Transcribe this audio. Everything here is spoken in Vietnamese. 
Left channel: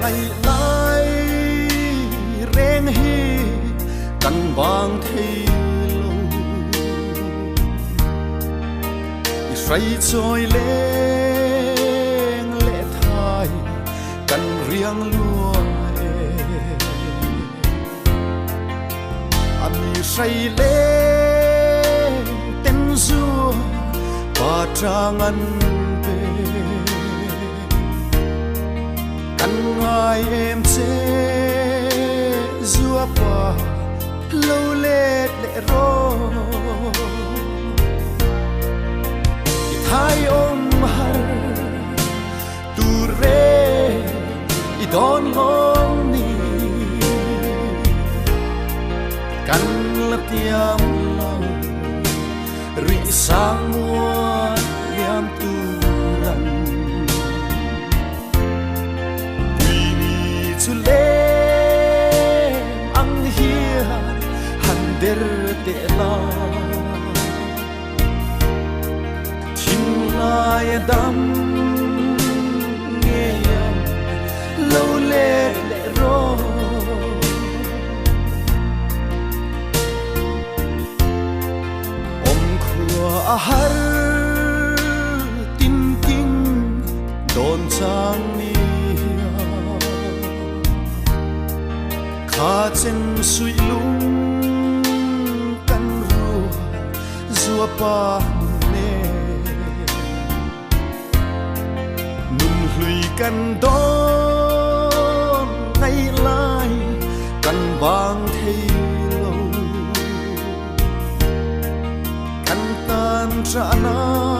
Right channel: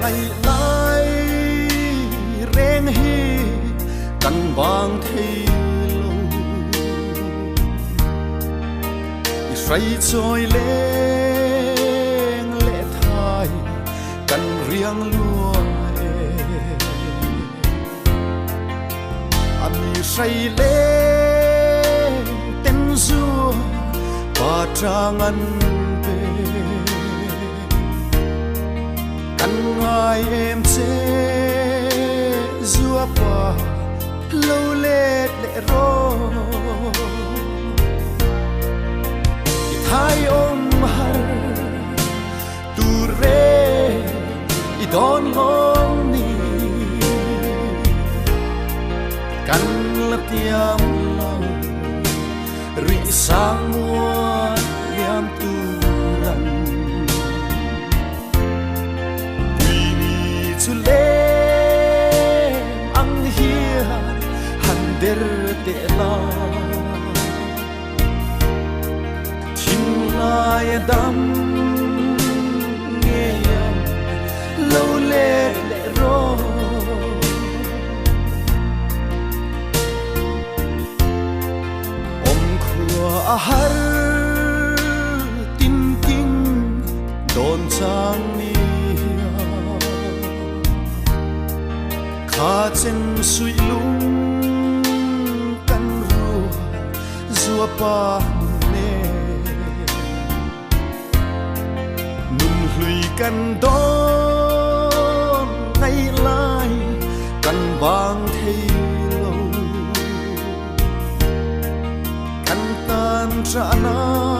ngày lai rèn hi căn vàng thấy lâu say trôi lên lệ thai căn riêng lúa anh say lên tên du và trang anh ai em sẽ dùa qua lâu lệ lệ rô thái ôm har tu re i don ngon ni căn lập tiam lâu ri sang mua yam tu ran lên ang hiền han der te la tin lai dam nghe lâu lệ lệ ro om khua har tin tin don chang ni khá chân suy lung căn rùa rùa pa nè nung lùi căn đón ngày lai căn vàng thấy lâu căn tan trả na